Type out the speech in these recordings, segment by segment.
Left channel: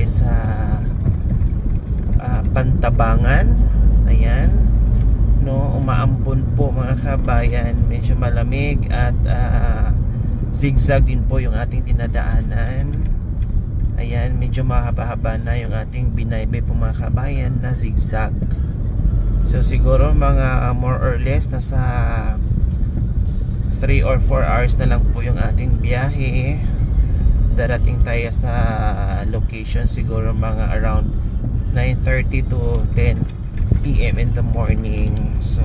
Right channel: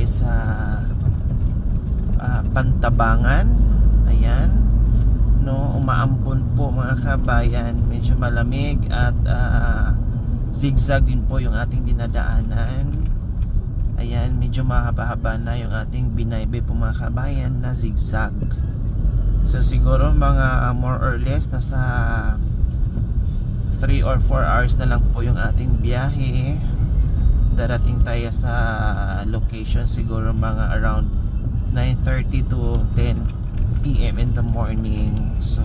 tayo sa Pantabangan. Ayan, no, umaampon po mga kabayan, medyo malamig at zigzag din po yung ating dinadaanan. Ayan, medyo mahaba-haba na yung ating binaybay po mga kabayan na zigzag. So siguro mga more or less nasa 3 or 4 hours na lang po yung ating biyahe. Darating tayo sa location siguro mga around 9:30 to 10 PM in the morning. So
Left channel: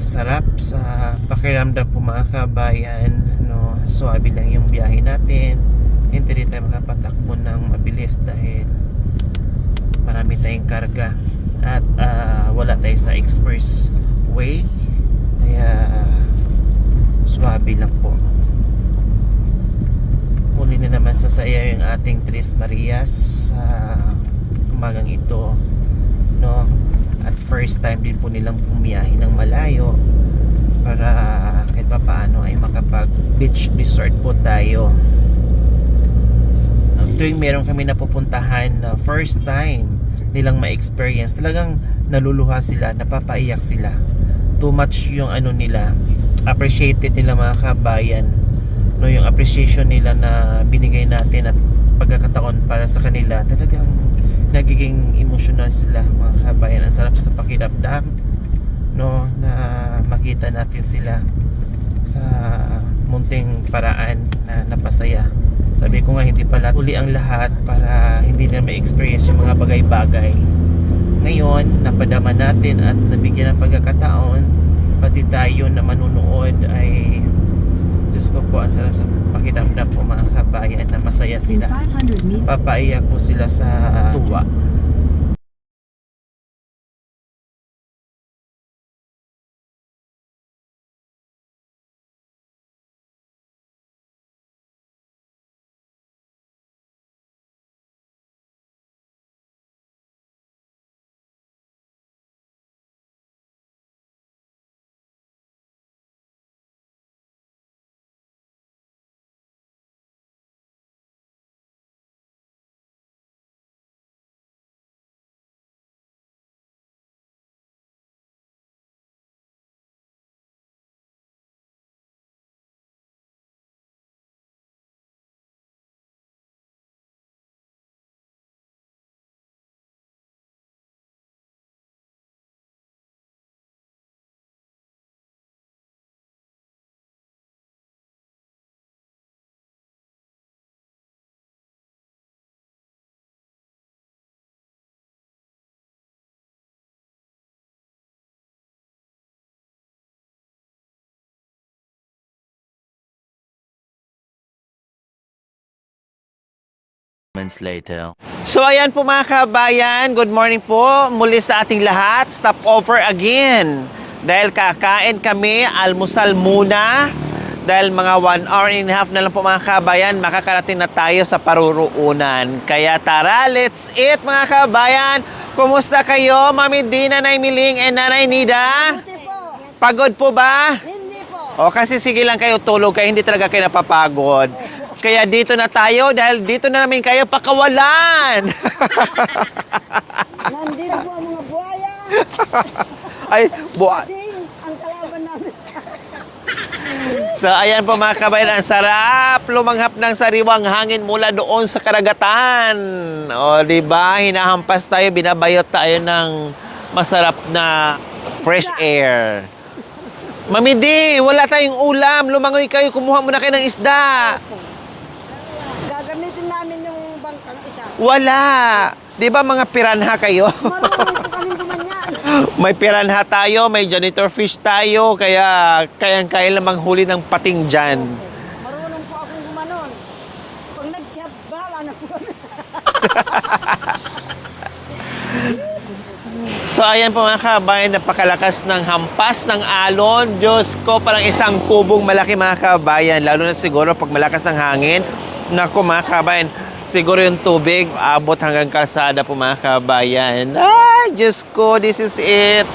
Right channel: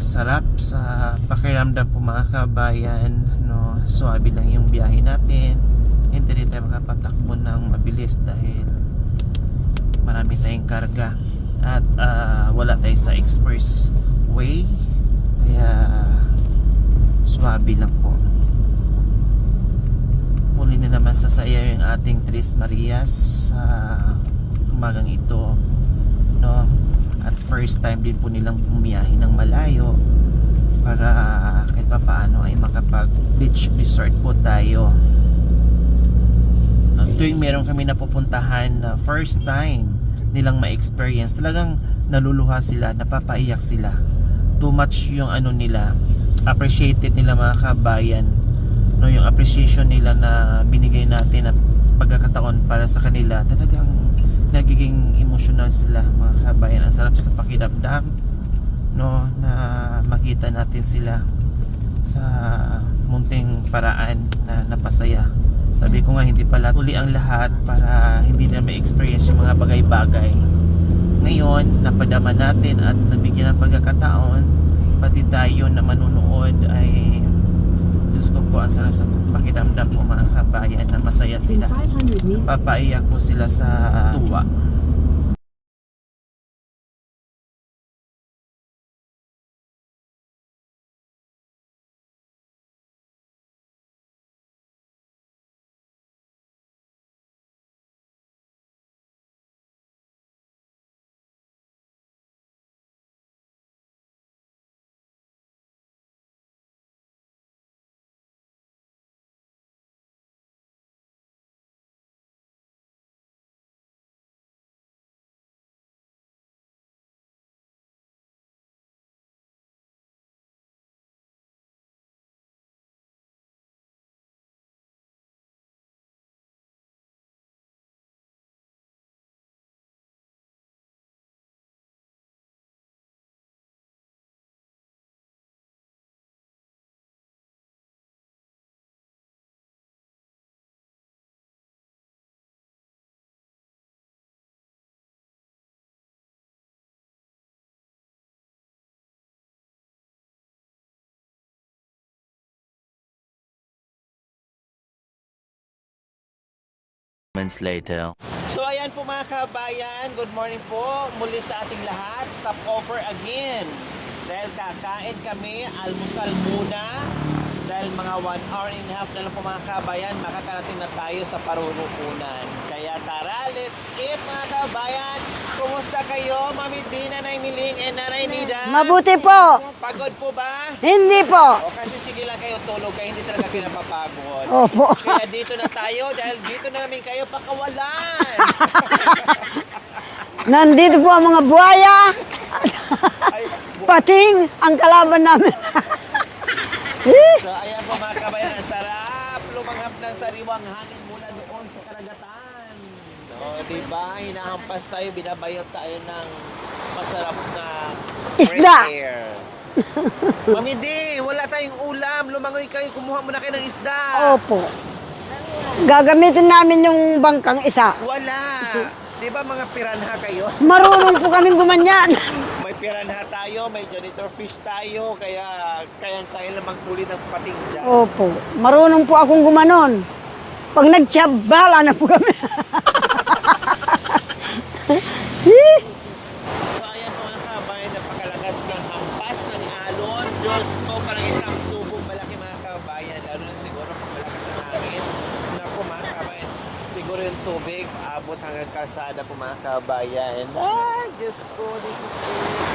sarap sa pakiramdam po mga kabayan, no? Suwabe lang yung biyahe natin, hindi rin tayo makapatakbo ng mabilis dahil marami tayong karga at wala tayo sa expressway, kaya suwabe lang po. Muli na naman sa saya yung ating Tres Marias sa umagang ito, no? At first time din po nilang pumiyahe ng malayo para kahit pa paano ay makapag beach resort po tayo. Tuwing meron kami napupuntahan na first time nilang ma-experience, talagang naluluha sila, napapaiyak sila. Too much yung ano nila, appreciated nila mga kabayan, no, yung appreciation nila na binigay natin at pagkakataon para sa kanila, talagang nagiging emotional sila mga kabayan. Ang sarap sa pakiramdam, no, na makita natin sila sa munting paraan na napasaya. Sabi ko nga, hindi pala uli ang lahat para hindi na ma-experience yung mga bagay-bagay. Ngayon, napadama natin at nabigyan ng pagkakataon, pati tayo na manunood ay, Diyos ko po, ang sarap sa pakiramdam po mga kabayan na masaya sila. Papaiyak po sila sa tuwa. Moments later. So ayan po mga kabayan, good morning po muli sa ating lahat. Stop over again dahil kakain kami, almusal muna. Dahil mga 1 hour and a half na lang po mga kabayan, makakarating na tayo sa Paruroonan. Kaya tara, let's eat mga kabayan. Kumusta kayo, Mami D, Nanay Miling, and Nanay Nida? Mabuti po. Pagod po ba? Hindi po. O kasi sige lang kayo tulog, kaya hindi talaga kayo napapagod. Opo. Kaya dito na tayo dahil dito na namin kayo pakawalan. Nandito po ang mga buhaya. Ay, Pating ang kalaban namin. So ayan po mga kabayan, ang sarap lumanghap ng sariwang hangin mula doon sa karagatan. O di ba, hinahampas tayo, binabayot tayo ng masarap na fresh Isda. air. Mami D, wala tayong ulam, lumangoy kayo, kumuha muna kayo ng isda. Opo. Gagamitin namin yung bangkang isa. Wala. Di ba mga piranha kayo? Marunong po kaming gumanyan. May piranha tayo, may janitor fish tayo, kaya kayang-kaya lang manghuli ng pating dyan. Opo. Marunong po akong gumanon. Pag nagtsabala na po kami. So ayan po mga kabayan, napakalakas ng hampas ng alon. Diyos ko, parang isang kubong malaki mga kabayan. Lalo na siguro pag malakas ng hangin. Naku mga kabayan, siguro yung tubig abot hanggang kalsada po mga kabayan. Ay, Diyos ko, this is it.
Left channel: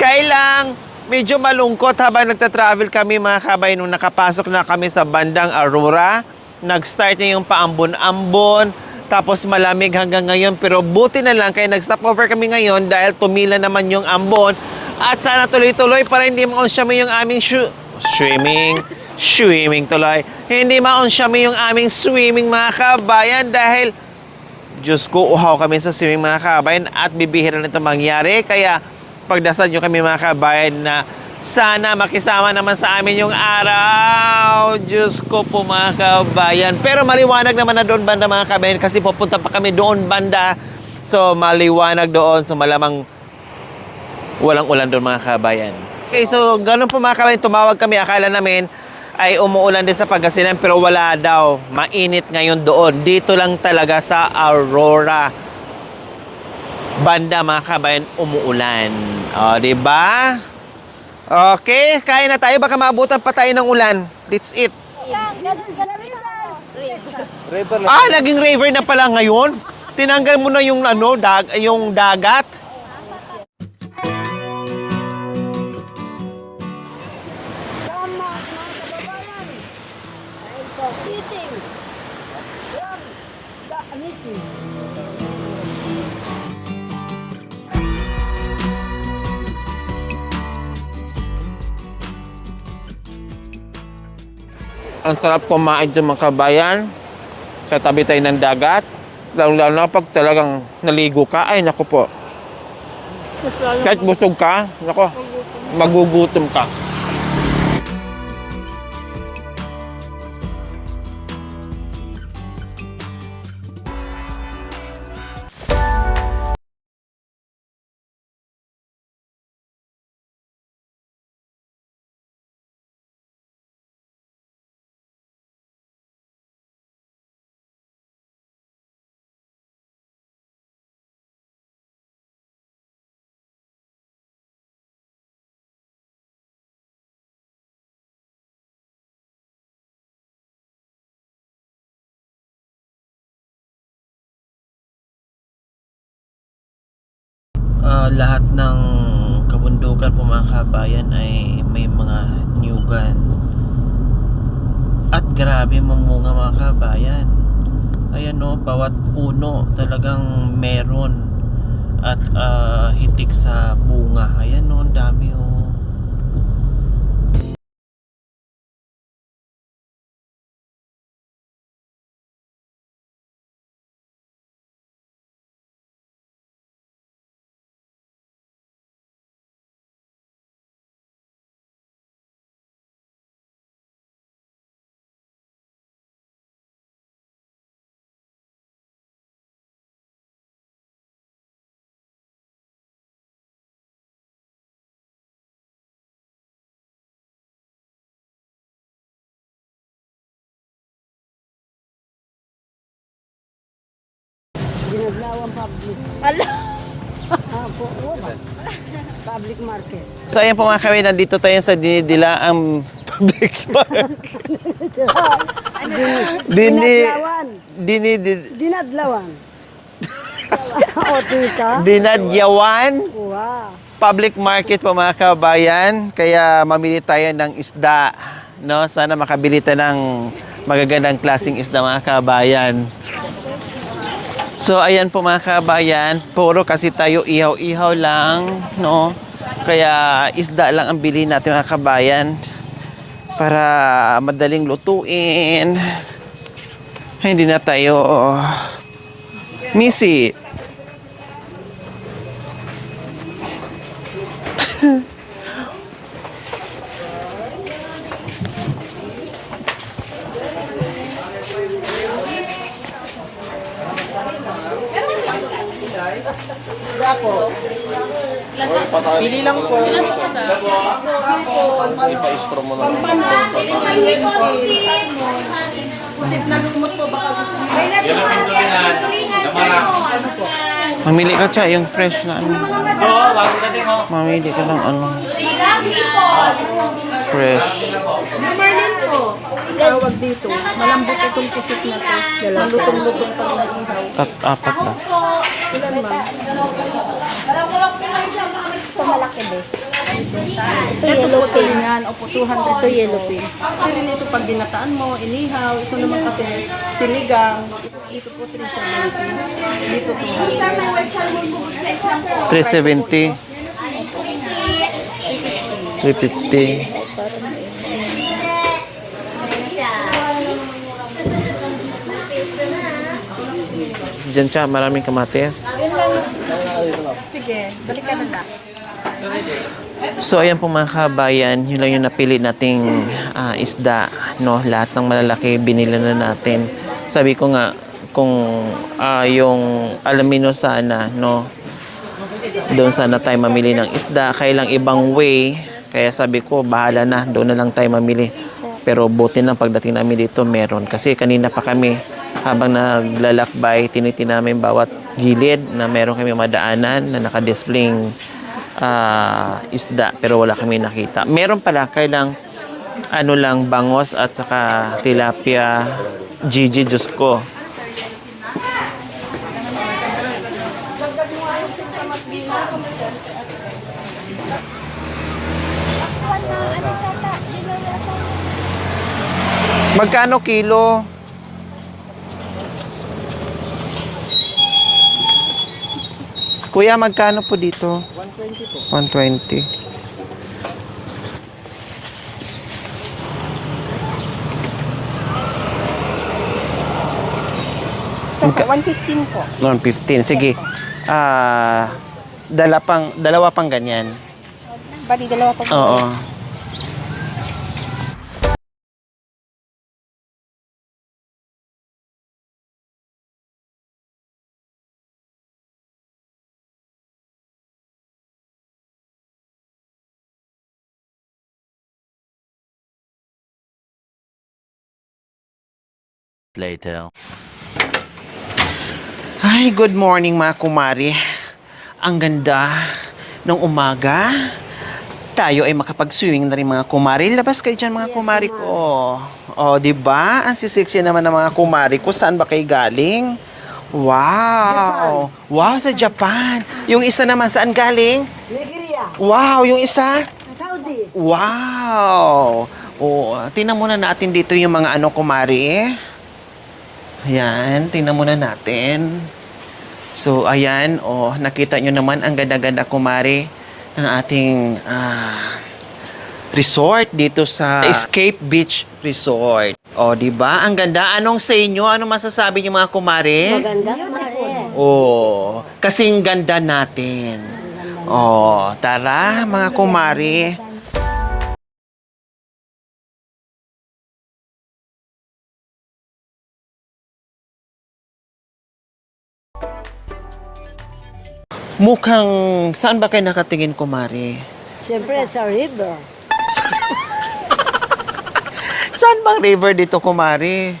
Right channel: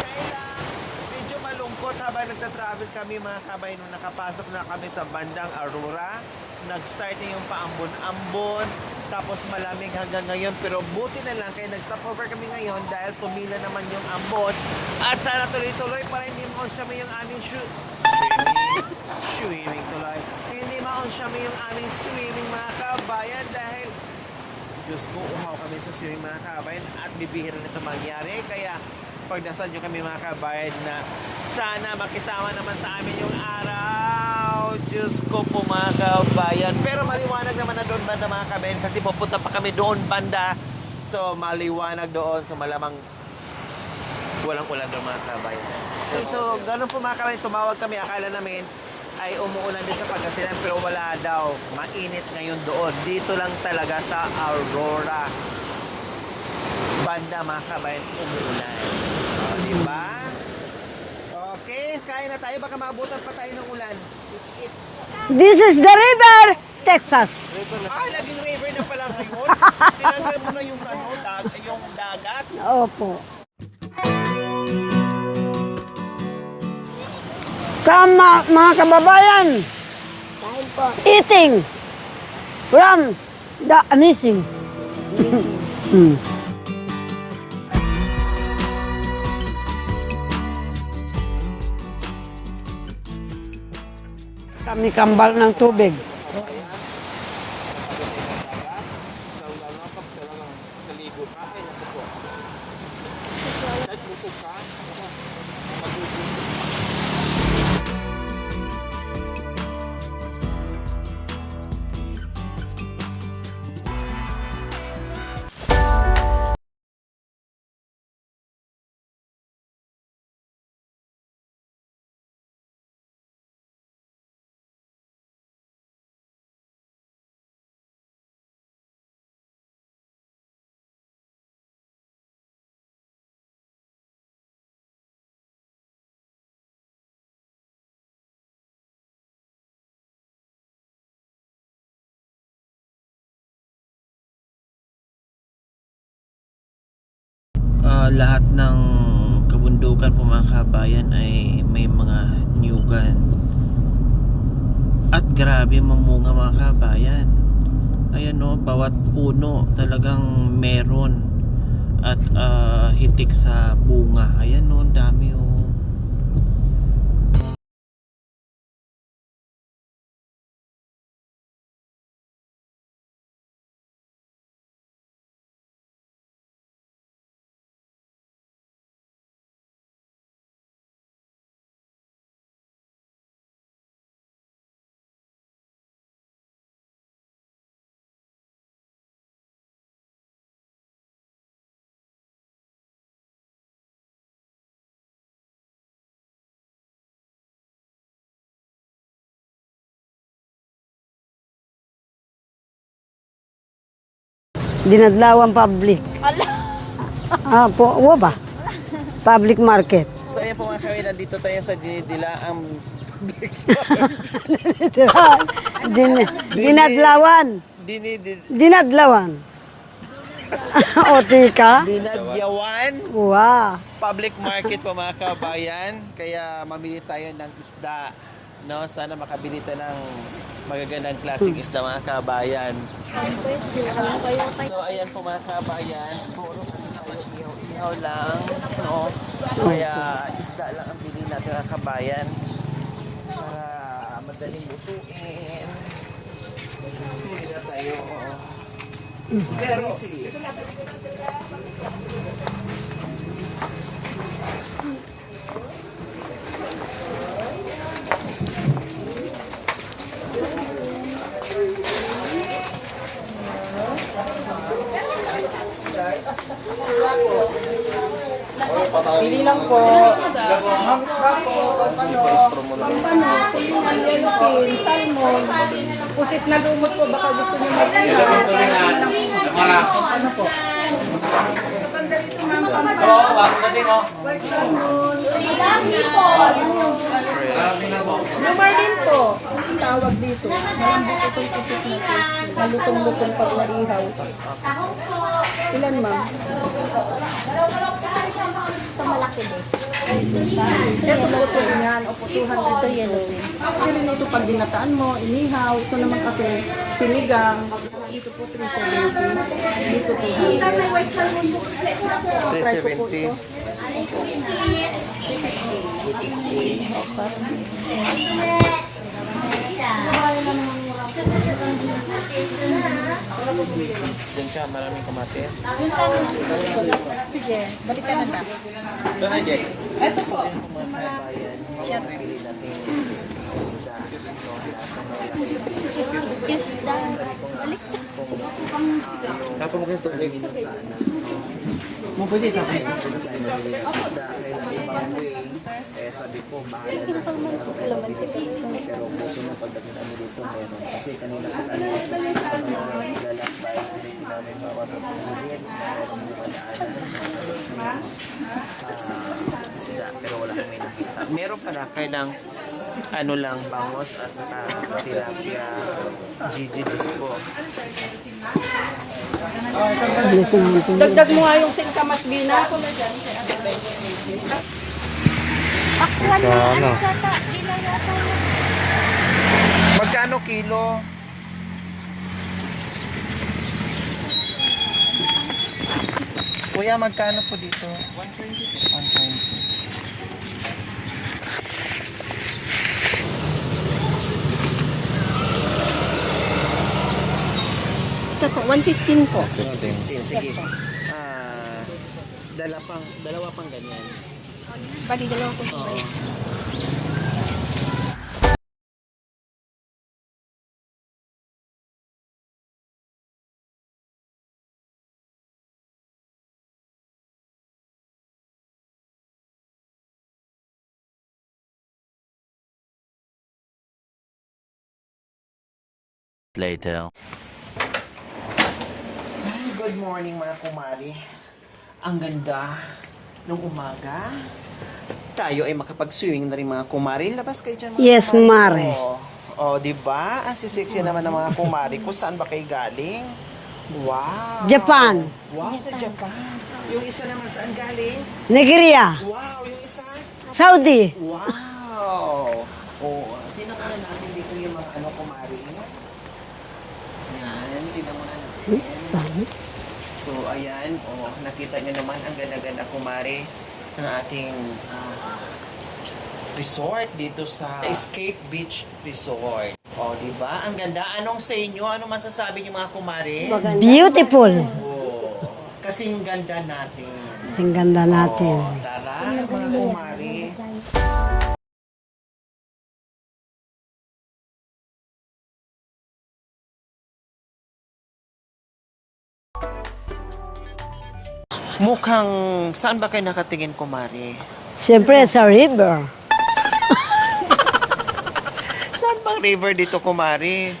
Kailang medyo malungkot habang nagta-travel kami mga kabayan nung nakapasok na kami sa bandang Aurora. Nag-start na yung paambon-ambon. Tapos malamig hanggang ngayon. Pero buti na lang kaya nag-stopover kami ngayon dahil tumila naman yung ambon. At sana tuloy-tuloy para hindi ma-on yung aming swimming tuloy. Hindi ma-on yung aming swimming mga kabayan dahil Diyos ko, uhaw kami sa swimming mga kabayan at bibihira nito mangyari. Kaya pagdasal nyo kami mga kabayan na sana makisama naman sa amin yung araw. Diyos ko po mga kabayan. Pero maliwanag naman na doon banda mga kabayan kasi pupunta pa kami doon banda. So maliwanag doon. So malamang walang ulan doon mga kabayan. Okay, so ganun po mga kabayan. Tumawag kami. Akala namin ay umuulan din sa Pangasinan pero wala daw. Mainit ngayon doon. Dito lang talaga sa Aurora banda mga kabayan umuulan. O, diba? Okay, kain na tayo. Baka maabutan pa tayo ng ulan. That's it. This is the river, Texas. Naging river na pala ngayon. Tinanggal mo na yung yung dagat. Opo. Kama, mga kababayan, eating from the amazing. Kami Ang kambal sarap ng kumain tubig. doon mga kabayan. Katabi tayo ng dagat. Lalo na pag talagang naligo ka. Ay, naku po. Kahit busog ka, naku, magugutom ka. Lahat ng kabundukan po mga kabayan ay may mga nyugan. At grabe mamunga mga kabayan. Ayan o, bawat puno talagang meron. At hitik sa bunga. Ayan o, ang dami o. Dinadlawan public. Po, ba? Public market. So ayan po mga kabayan, nandito tayo sa Dinidilaang Public Market. Dinadlawan. Dinadyawan. Dinadlawan. O, tika. Dinadyawan Wow. Public Market po mga kabayan. Kaya mamili tayo ng isda. No? Sana makabili tayo ng magagandang klaseng isda mga kabayan. So ayan po mga kabayan, puro kasi tayo ihaw-ihaw lang, no? Kaya isda lang ang bilhin natin mga kabayan para madaling lutuin. Hindi na tayo misi. Pili lang po. Pusit na lumot po, baka gusto niyo. Ano po? Mamili ka siya, yung fresh na ano. Mamili ka lang ano. Fresh. Yung Marlin po. Tawag dito. Malambot itong pusit na. Malutong-lutong pag naihaw. Apat na. Ilan ma'am? Ito malaki ba? Ito yellow pin. Opo, 200. Ito yellow pin. Kasi rin ito pag binataan mo, inihaw. Ito naman kasi sinigang. Dito po 370. Dito 200. 370. 350. Diyan siya, maraming kamatis. Sige, balik ka na. So ayan po mga kabayan, yun lang yung napili nating isda, no? Lahat ng malalaki binili na natin. Sabi ko nga kung yung alamino sana, no? Doon sana tayo mamili ng isda, kailang ibang way. Kaya sabi ko, bahala na, doon na lang tayo mamili. Pero buti na pagdating namin dito meron. Kasi kanina pa kami habang naglalakbay, tinitingnan namin bawat gilid na meron kami madaanan na nakadisplaying isda pero wala kami nakita. Meron pala kailang ano lang bangos at saka tilapia, Gigi, Diyos ko. Dagdag mo nga yung singkamas bina. Magkano kilo? Kuya, magkano po dito? 120. Ito po, 115 po. 115. Sige. Dalawa pang ganyan. Bali, dalawa po. Oo. Later. Ay, good morning mga kumari. Ang ganda ng umaga. Tayo ay makapag-swimming na rin mga kumari. Labas kayo dyan mga Yes, kumari kumari. ko. O, di ba? Ang sisiksi naman ng mga kumari ko. Saan ba kayo galing? Wow! Japan. Wow, sa Japan. Yung isa naman, saan galing? Nigeria, Wow, yung isa? Saudi. Wow! O, tingnan muna natin dito yung mga ano kumari. Ayan, tingnan muna natin. So, ayan, nakita nyo naman ang ganda-ganda kumari ng ating resort dito sa Escape Beach Resort. O, di ba? Ang ganda. Anong sa inyo? Anong masasabi niyo mga kumari? Beautiful. Oh, kasing ganda natin. Ang ganda natin. Oh, tara mga kumari. Mukhang, saan ba kayo nakatingin, kumari? Siyempre sa river. Saan bang river dito, kumari?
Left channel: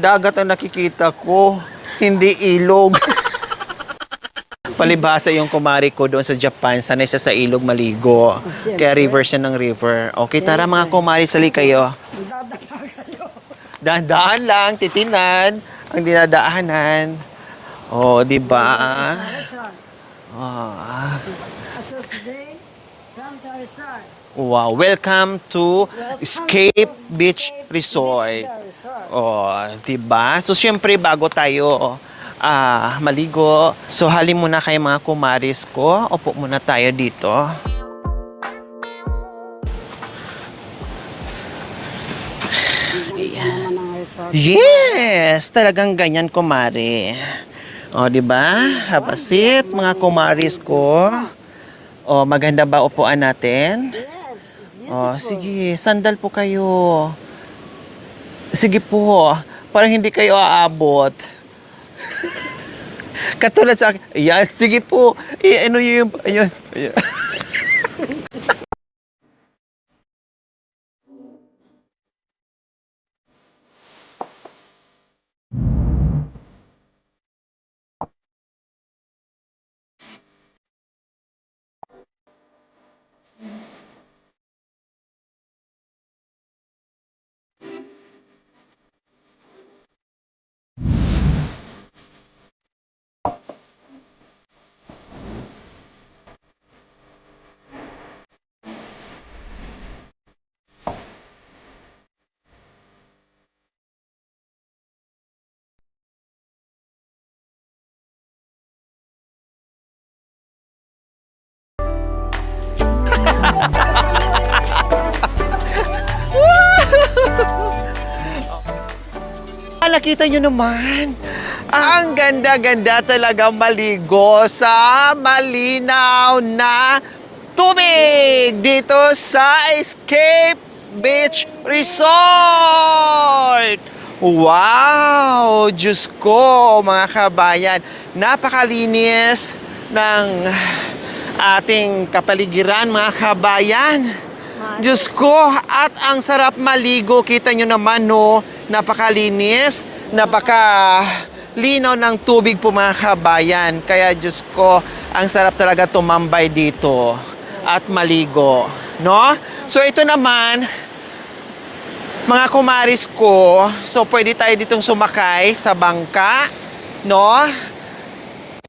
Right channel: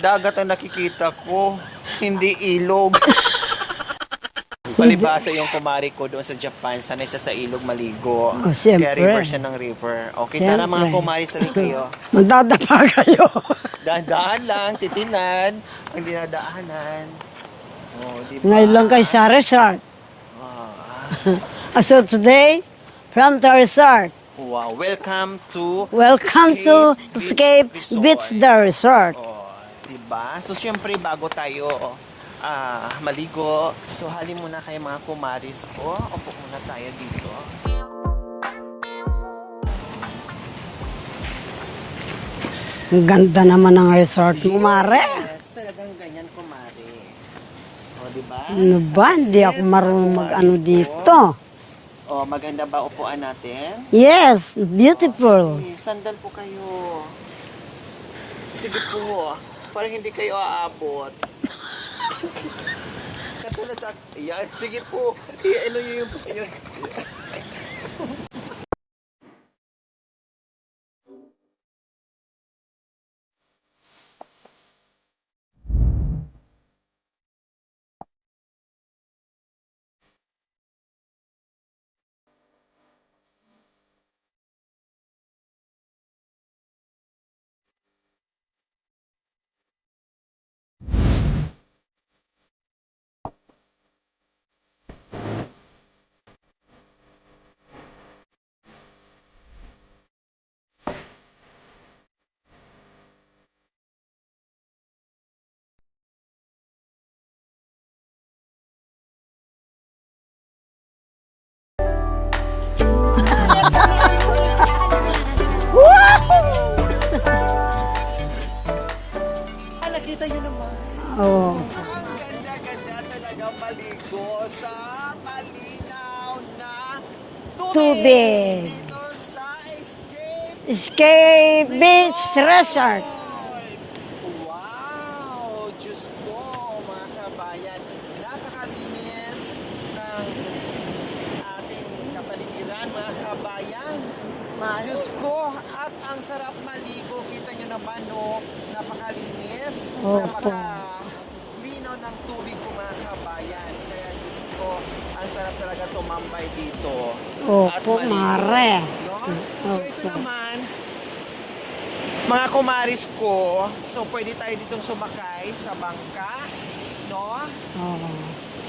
Dagat ang nakikita ko, hindi ilog. Palibasa yung kumari ko doon sa Japan, sanay siya sa ilog maligo. siyempre. Kaya river siya ng river. Okay, tara mga Siyempre. kumari, sali kayo. Magdadapa kayo. Dahan-dahan lang, titinan ang dinadaanan. Oh, di ba? Ngayon lang kayo sa resort. Ah. So today, from the resort, Wow, welcome to welcome Escape to Beach Escape Resort. Beach the Resort. Oh, diba? So, syempre, bago tayo maligo, so halin muna kayo mga kumaris ko. Opo muna tayo dito. Ang ganda naman ng resort. Kumare. Yes, talagang ganyan, kumari. O, diba? Ano ba? Hindi Habasit, ako mga marunong kumaris ano ko. dito. O, maganda ba upuan natin? Yes, Oh, beautiful. sige, sandal po kayo. Sige po, parang hindi kayo aabot. Katulad sa akin. Ayan, sige po. Ano yung... Ayun. Ayun. Nakita nyo naman. Oh. Ang ganda-ganda talaga maligo sa malinaw na tubig Tubig. dito sa Escape Escape Beach Beach Resort. Wow! Diyos ko, mga kabayan. Napakalinis ng ating kapaligiran, mga kabayan. Diyos ko, at ang sarap maligo. Kita nyo naman, no? Napakalinis, napakalinaw ng tubig po, mga kabayan. Kaya, Diyos ko, ang sarap talaga tumambay dito at maligo. No? So, ito naman, mga kumaris ko, so pwede tayo ditong sumakay sa bangka, no?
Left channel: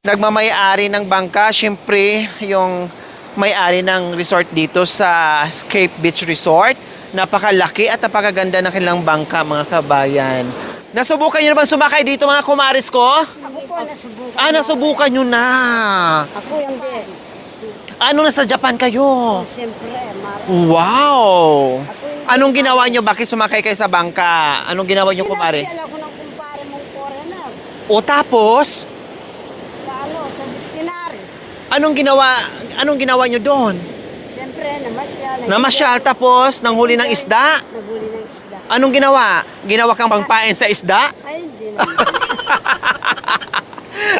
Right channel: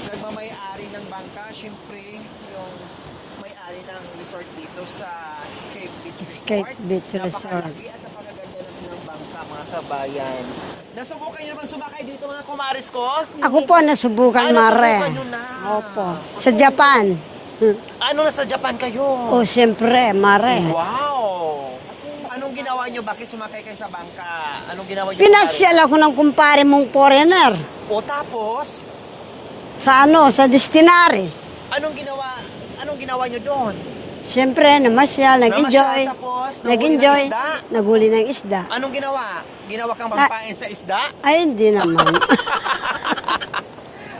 Nagmamay-ari ng bangka, syempre, yung may-ari ng resort dito sa Escape Beach Resort. Beach Napakalaki at napakaganda ng kanilang bangka, mga kabayan. Nasubukan nyo naman sumakay dito, mga kumaris ko? Ako po, nasubukan, Mare. Nasubukan nyo na. Sa Japan. Ano na sa Japan kayo? Oh, siyempre, Mare. Wow! Anong ginawa nyo? Bakit sumakay kayo sa bangka? Anong ginawa nyo, kumaris? Pinasyal ako ng kumpare mong foreigner. O tapos, Sa sa destinary. anong ginawa nyo doon? Siyempre, namasyal, nag-enjoy. Namasyal tapos nanghuli ng Nag-enjoy. isda? Naghuli ng isda. Anong ginawa? Ginawa kang pangpain sa isda? Ay, hindi naman.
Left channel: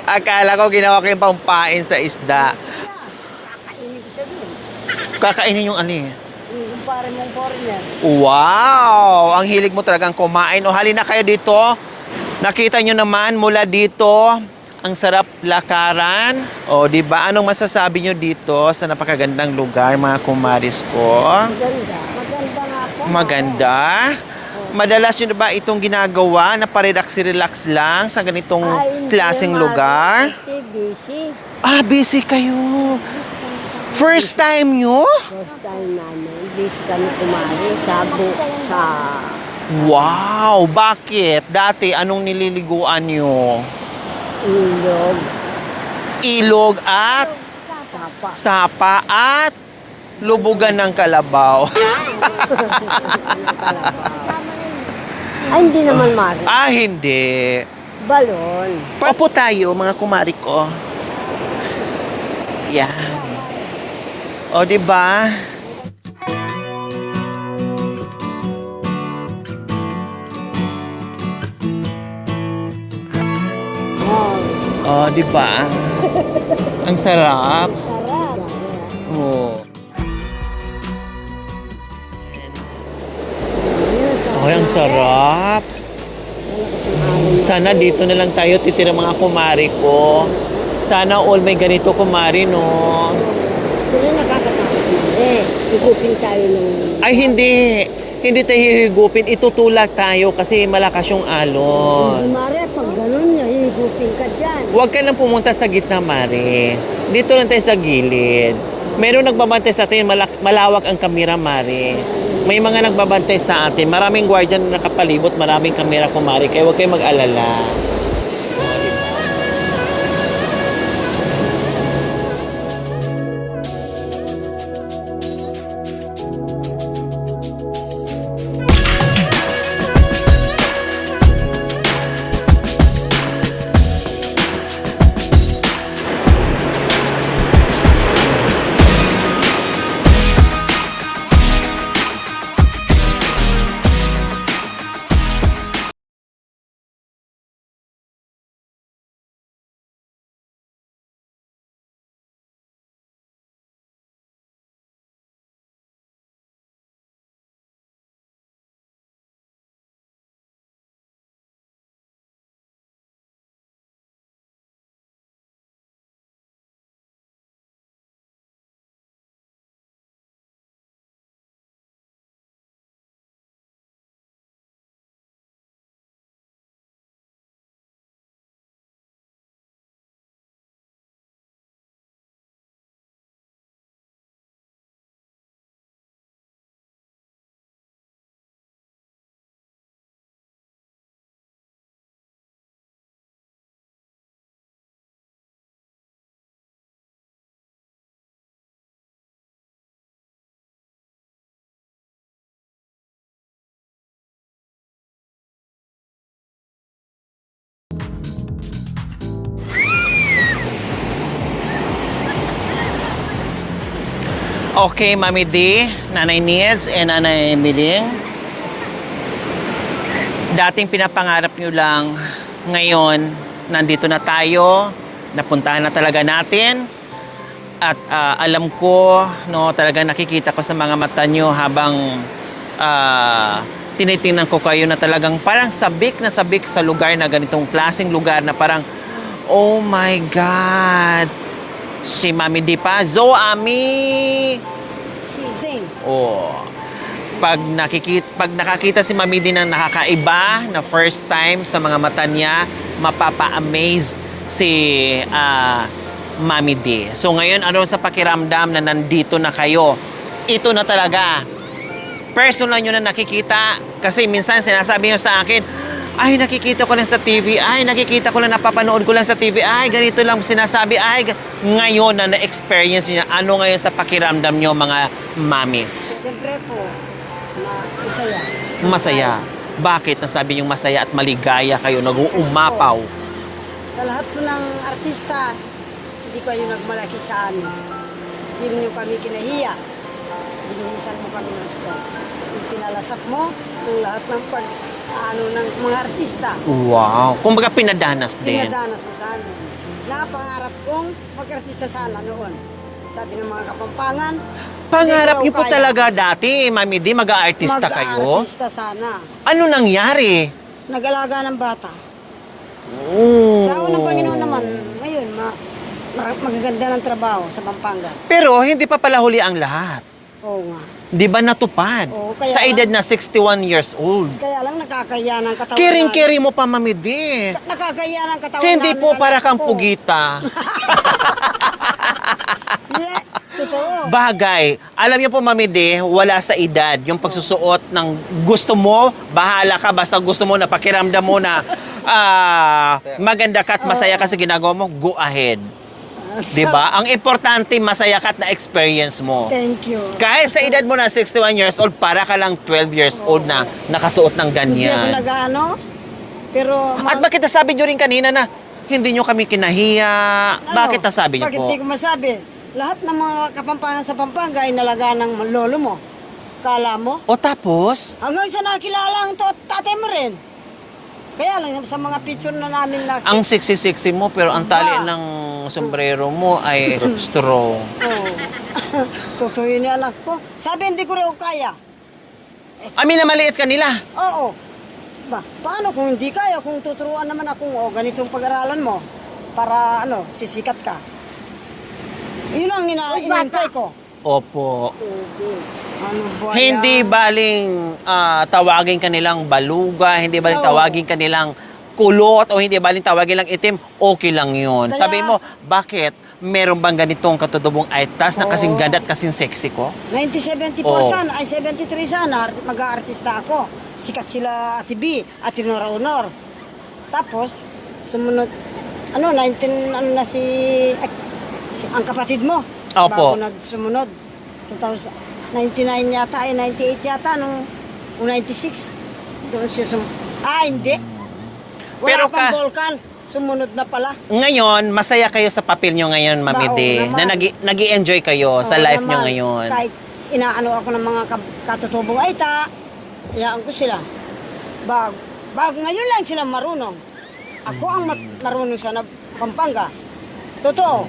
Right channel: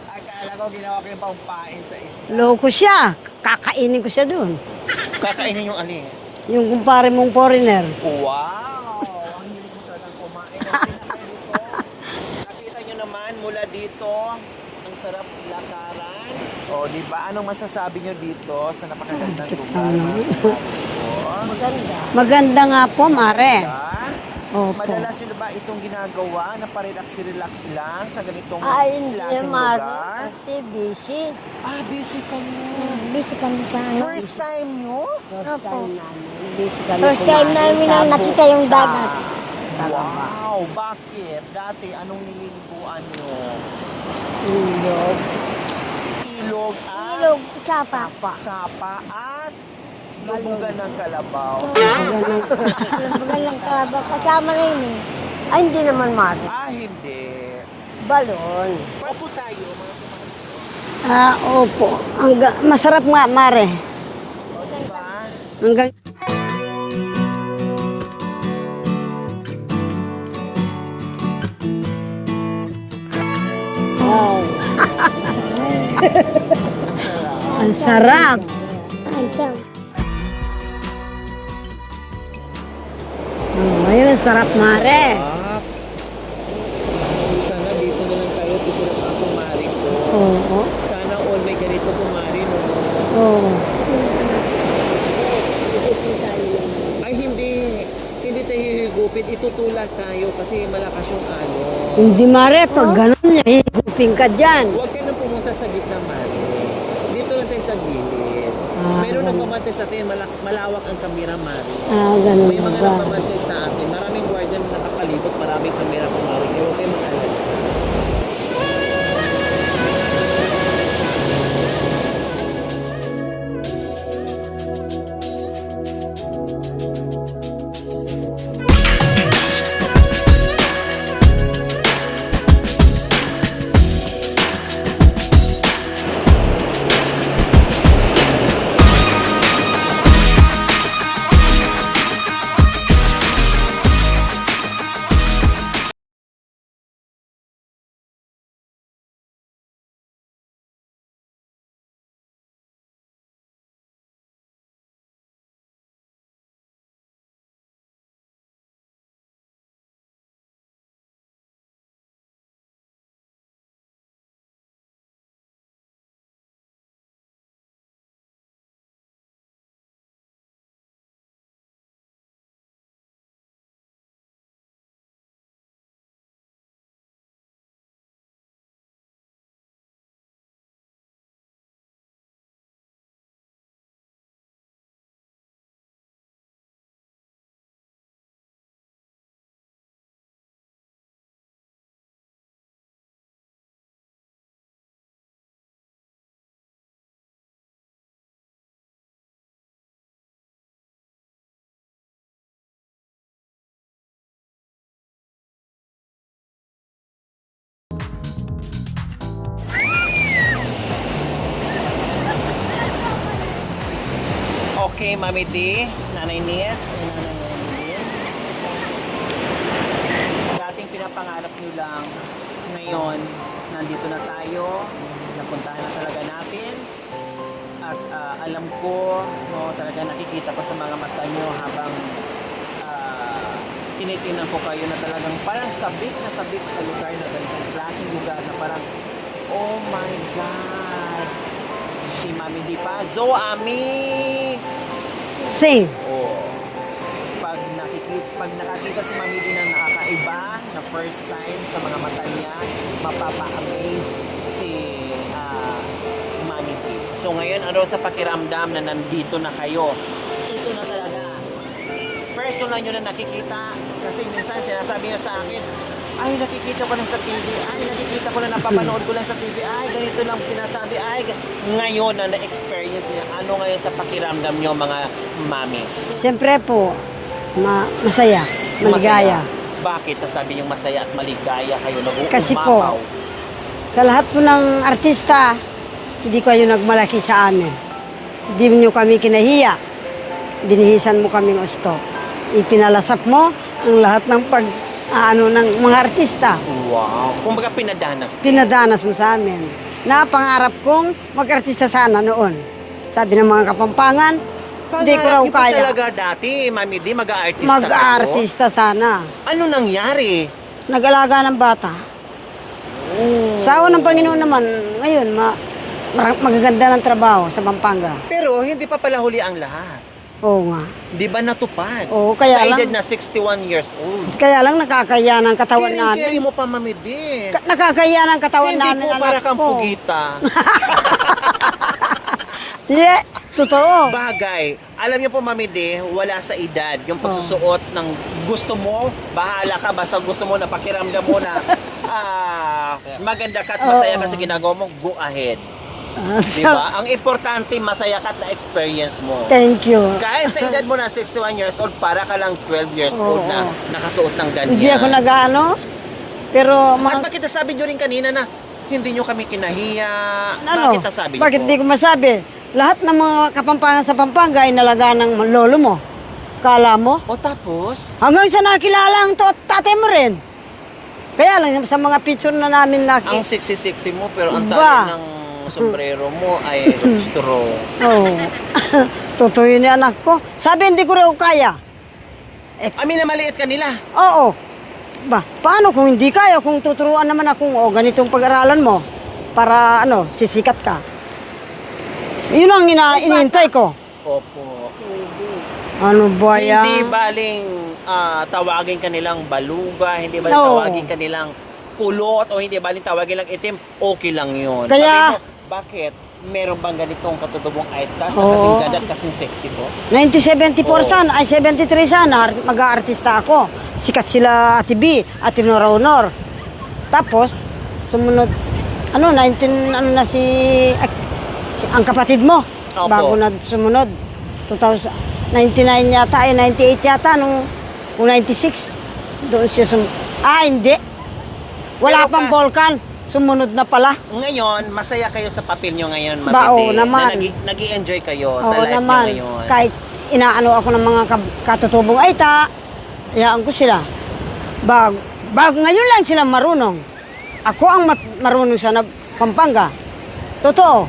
Akala ko ginawa kang pangpain sa isda. Ko siya. Kakainin ko siya doon. Kakainin yung alin? Yung kumpare mong foreigner. Wow! Ang hilig mo talagang kumain. O halina kayo dito. Nakita nyo naman mula dito, ang sarap lakaran. O, di ba? Anong masasabi nyo dito sa napakagandang lugar, mga kumaris ko? Maganda. Maganda nga po, Mare. Maganda. Opo. Madalas yun ba itong ginagawa na parelax-relax lang sa ganitong Ay, hindi, klaseng Mare. lugar? Kasi busy. Ah, busy kayo. Busy kami sa... First time nyo? First time namin. Busy kami kumain sa nakita yung Wow! Bakit? Dati, anong nililiguan nyo? ilog. Ilog at Sapa. sapa at lubugan ng kalabaw. Kasama na yun. Ay, hindi naman, Mare. Ah, hindi. Balon. Opo tayo, mga kumari ko. Ah, opo. Masarap nga, Mare. O, di ba? Hanggang... O, di ba? Ang sarap. Ang sarap. Oh. Ayun, ang sarap, Ay, ang Mare. sarap. Sana dito na lang tayo titira, mga kumari ko. Sana all may ganito, kumari, no? Oo. Kung ikupin tayo ng... Ay, hindi. Hindi tayo hihigupin. Itutulak tayo kasi malakas yung alon. Hindi, Mare. Pag ganun niya, ikupin ka dyan. Huwag ka nang pumunta sa gitna, Mari. Dito lang tayo sa gilid. Meron nagbabantay sa atin, malawak ang kamera, Mari. Ganun May mga ba? nagbabantay sa atin. Maraming guardian na nakapalibot, maraming kamera ko, Mari. Kaya huwag kayong mag-alala. Okay, Mami D, Nanay Niels, and Nanay Miling. Dating pinapangarap nyo lang, ngayon, nandito na tayo, napuntahan na talaga natin. At alam ko, no, talaga nakikita ko sa mga mata nyo habang tinitingnan ko kayo na talagang parang sabik na sabik sa lugar na ganitong klaseng lugar na parang, oh my God! Si Mami D pa, Zo Ami! Sing. Oh. Pag nakakita si Mami D na nakakaiba na first time sa mga mata niya, mapapa-amaze si Mami D. So ngayon, ano sa pakiramdam na nandito na kayo? Ito na talaga. Personal nyo na nakikita. Kasi minsan sinasabi nyo sa akin, ay, nakikita ko lang sa TV. Ay, nakikita ko lang, napapanood ko lang sa TV. Ay, ganito lang sinasabi. Ay, ngayon na na-experience nyo, ano ngayon sa pakiramdam nyo, mga mamis? Siyempre po, masaya. Masaya. maligaya. Bakit nasabi yung masaya at maligaya kayo, Kasi nag-uumapaw? po, sa lahat po ng artista, hindi kayo nagmalaki sa amin. Hindi nyo kami kinahiya. Binihisan mo kami ng stop. Ipinalasap mo ang lahat ng ng mga artista. Wow. Kumbaga pinadanas din. Pinadanas mo sa amin. Napangarap kong mag-artista sana noon. Sabi ng mga Kapampangan, hindi ko Pangarap raw niyo po kaya. talaga dati, Mami D, mag-aartista kayo? Mag-artista sana. Ano nangyari? Nag-alaga ng bata. Sa awa ng Panginoon naman, ngayon, magaganda ng trabaho sa Pampanga. Pero hindi pa pala huli ang lahat. Oo nga. Di ba natupad? Oo, kaya sa lang- edad na 61 years old. Kaya lang nakakaya ng katawan Kering-kering mo pa, Mami D. Nakakaya ng katawan Hindi namin. po anak para kang ko. pugita. Yeah, totoo. Bagay. Alam niyo po, Mami D, wala sa edad. Yung pagsusuot ng gusto mo, bahala ka. Basta gusto mo na pakiramdam mo na maganda ka at masaya ka sa ginagawa mo, go ahead. Di ba? Ang importante, masaya ka at na-experience mo. Thank you. Kahit sa edad mo na 61 years old, para ka lang 12 years old na nakasuot ng Hindi ako ganyan. nag-ano, pero... At bakit nasabi nyo rin kanina na hindi nyo kami kinahiya? Bakit nasabi nyo Bakit po? di ko masabi? Lahat ng mga Kapampangan sa Pampanga ay nalagaan ng lolo mo. Kala mo? O tapos? Hanggang sa nakilala ang tatay mo rin. Kaya lang sa mga picture na namin Ang sexy-sexy mo, pero ang Ba? tali ng sombrero mo ay strong. Oo. Totoo yun yung anak ko. Sabi, hindi ko rin kaya. Amin na maliit ka nila. Oo. Ba, paano kung hindi kaya? Kung tuturuan naman akong, ganitong pag-aralan mo, para, sisikat ka. Yun ang iniintay ko. Opo. Ano ba yan? Hindi baling tawagin kanilang baluga, hindi baling Oo. tawagin kanilang kulot, o hindi baling tawagin lang itim, okay lang yun. Kaya- Sabi mo, bakit? Meron bang ganitong katutubong itas na kasing Oo. ganda at kasing sexy ko? 1974 Oo. sana, ay 73 sana, mag-aartista ako. Sikat sila Ate B, Ate Nora Honor. Tapos, sumunod, 19, ang kapatid mo. Opo. Bago na sumunod. 99 yata, 98 yata, kung 96. Doon siya hindi. Wala Pero pang ka- Volcan. Sumunod na pala. Ngayon, masaya kayo sa papel nyo ngayon, Ba, Mami oo D, naman. na nag-i-enjoy kayo sa Oo life nyo naman. ngayon. Kahit inaano ako ng mga katutubong, hayaan ko sila. Bago ngayon lang sila marunong. Ako ang marunong sa Pampanga. Totoo.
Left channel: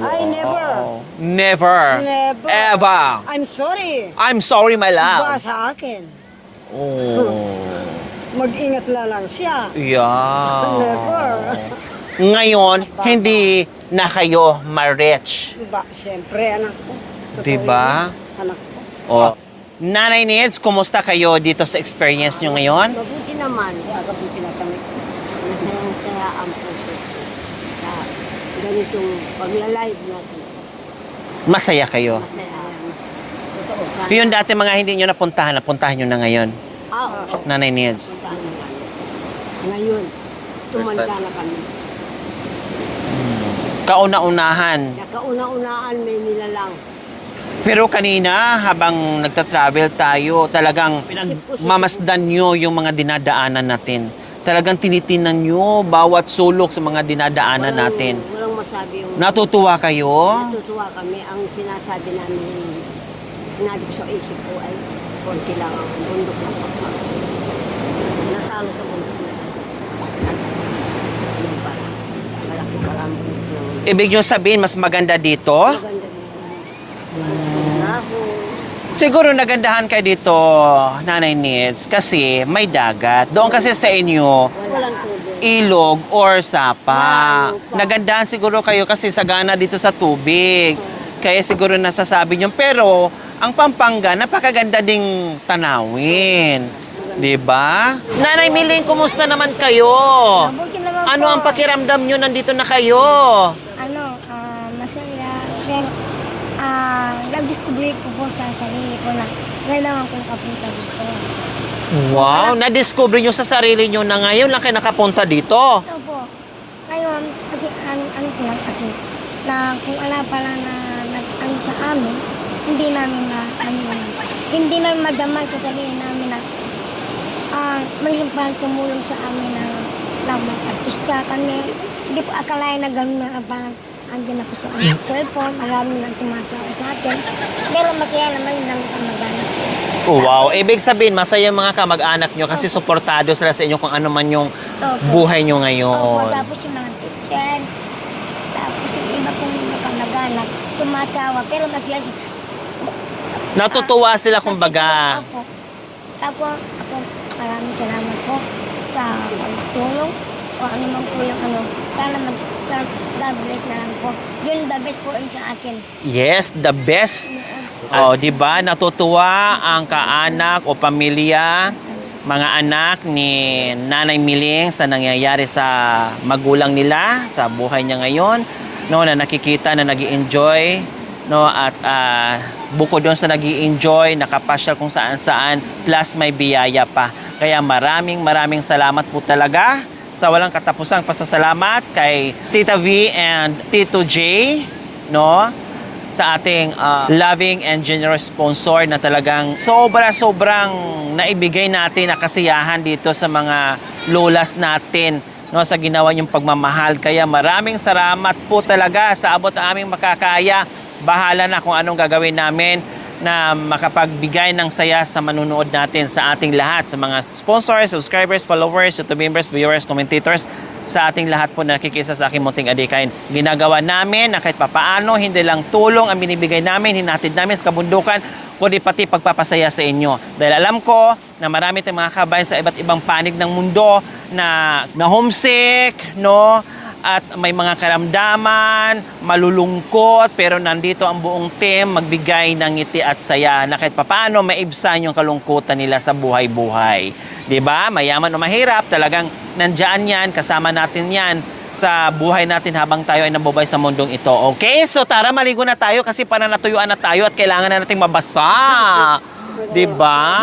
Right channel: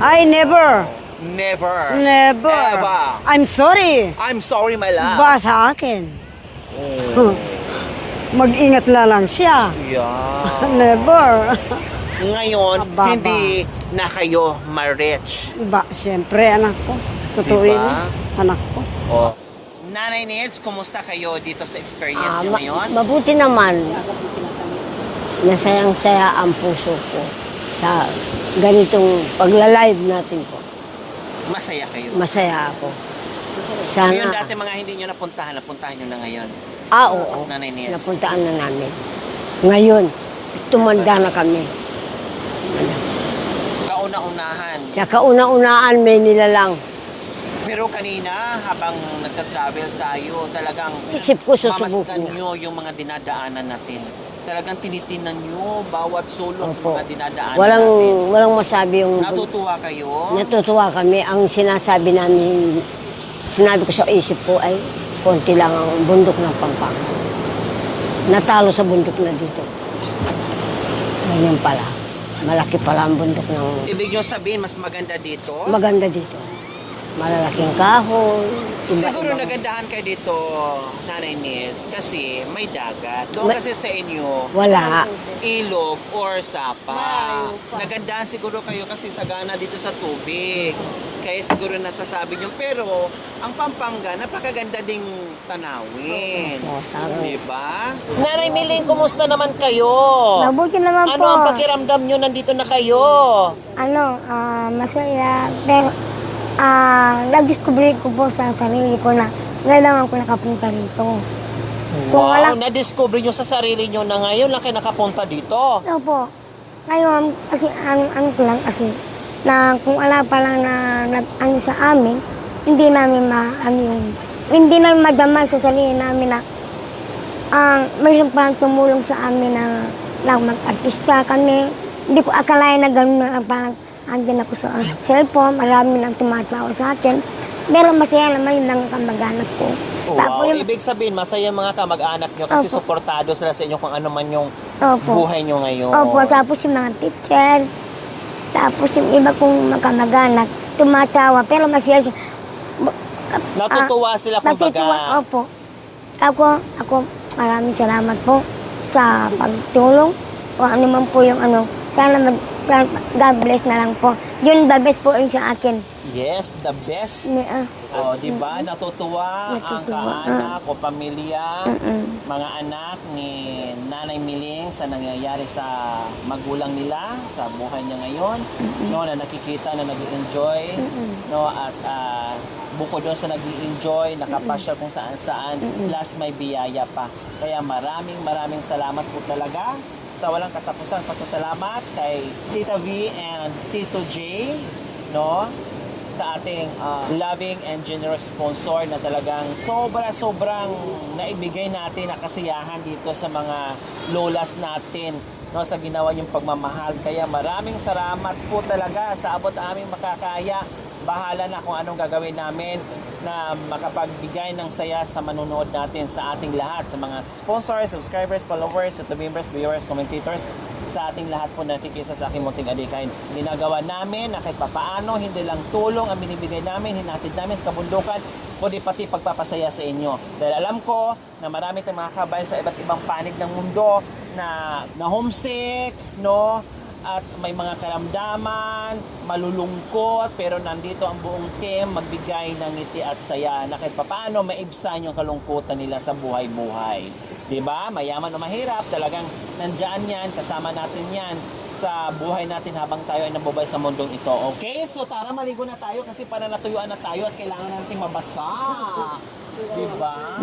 I never. Never. Never. Ever. I'm sorry. I'm sorry, my love. Ba sa akin. Mm. Mag-ingat lang siya. Yeah. Never. Ngayon, Baba. hindi na kayo ma-rich. Ba, siyempre, anak ko. Totoo Diba? yun. Anak ko. Oh. Nanay Nids, kumusta kayo dito sa experience nyo ngayon? Mabuti naman. Agabuti na kami. Masayang-saya ang puso ko sa ganitong pagla-live natin po. Masaya kayo. Masaya ako. Sana, Yung dati mga hindi nyo napuntahan nyo na ngayon. oo. Nanay Nids. Napuntaan na namin. Ngayon, tumanda na kami. Kauna-unahan. Sa kauna-unaan, may nilalang. Pero kanina, habang nagta-travel tayo, talagang Isip ko sa mamasdan subok mo. nyo yung mga dinadaanan natin. talagang tinitinan nyo bawat sulok sa mga dinadaanan natin. Walang masabi yung... Natutuwa kayo? Natutuwa kami. Ang sinasabi namin, sinabi ko sa isip ko ay konti lang ang bundok ng Pampanga. Natalo sa bundok na dito. Ganyan pala. Malaki pala ang bundok ng... Ibig nyo sabihin, mas maganda dito? Maganda dito. Malalaking kahoy. Siguro nagandahan kayo dito, Nanay Nits, kasi may dagat. Doon kasi sa inyo, Wala. ilog or sapa. Nagandahan siguro kayo kasi sagana dito sa tubig. Kaya siguro nasasabi nyo. Pero, ang Pampanga, napakaganda ding tanawin. Di ba? Nanay Miling, kumusta naman kayo? Mabuti naman Ano po. ang pakiramdam nyo nandito na kayo? Masaya. Pero, na-discover ko po sa sarili ko na kailangan ko nakapunta dito. Wow, na-discover nyo sa sarili nyo na ngayon lang kayo nakapunta dito. Ano po? Ngayon, kasi ano ko lang kasi, na kung wala pa lang na nag-ano sa amin, hindi namin hindi namin madama sa sarili namin na mayroon pa tumulong sa amin na lang mag-artista kami. Hindi ko akalain na gano'n na parang andyan ako sa cellphone, marami nang tumatawa sa akin. Pero masaya naman yung namin kamag-anak ko. Wow, ibig sabihin, masaya yung mga kamag-anak nyo kasi Opo. suportado sila sa inyo kung ano man yung Opo. buhay nyo ngayon. Opo, tapos yung mga teacher, tapos yung iba kong mga kamag-anak, tumatawa, pero masaya siya. Natutuwa sila kumbaga. Opo. Ako, maraming salamat po sa pagtulong o ano man po yung ano. Sana God bless na lang po. Yun, the best po yung sa akin. Yes, the best. Oh, 'di ba? Natutuwa ang kaanak o pamilya, mga anak ni Nanay Miling sa nangyayari sa magulang nila, sa buhay niya ngayon, no, na nakikita na nag-enjoy, no, at bukod doon sa nag-enjoy, nakapasyal kung saan-saan, plus may biyaya pa. Kaya maraming salamat po talaga sa walang katapusang pasasalamat kay Tita V and Tito J, no? Sa ating loving and generous sponsor na talagang sobrang naibigay natin na kasiyahan dito sa mga lolas natin, no, sa ginawa niyong pagmamahal. Kaya maraming salamat po talaga sa abot ng aming makakaya. Bahala na kung anong gagawin namin na makapagbigay ng saya sa manunood natin, sa ating lahat, sa mga sponsors, subscribers, followers, YouTube members, viewers, commentators, sa ating lahat po na nakikisa sa aking munting adikain. Ginagawa namin na kahit papaano, hindi lang tulong ang binibigay namin, hinatid namin sa kabundukan, kundi pati pagpapasaya sa inyo. Dahil alam ko na marami tayong mga kabayan sa iba't ibang panig ng mundo na homesick, no? At may mga karamdaman, malulungkot, pero nandito ang buong team magbigay ng ngiti at saya na kahit papaano maibsan yung kalungkutan nila sa buhay-buhay. 'Di ba? Mayaman o mahirap, talagang nandiyan yan, kasama natin yan sa buhay natin habang tayo ay nabubuhay sa mundong ito. Okay? So tara, maligo na tayo kasi para natuyuan na tayo at kailangan na nating mabasa. 'Di ba?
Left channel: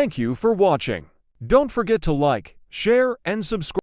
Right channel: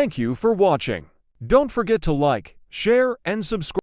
Thank you for watching. Don't forget to like, share, and subscribe.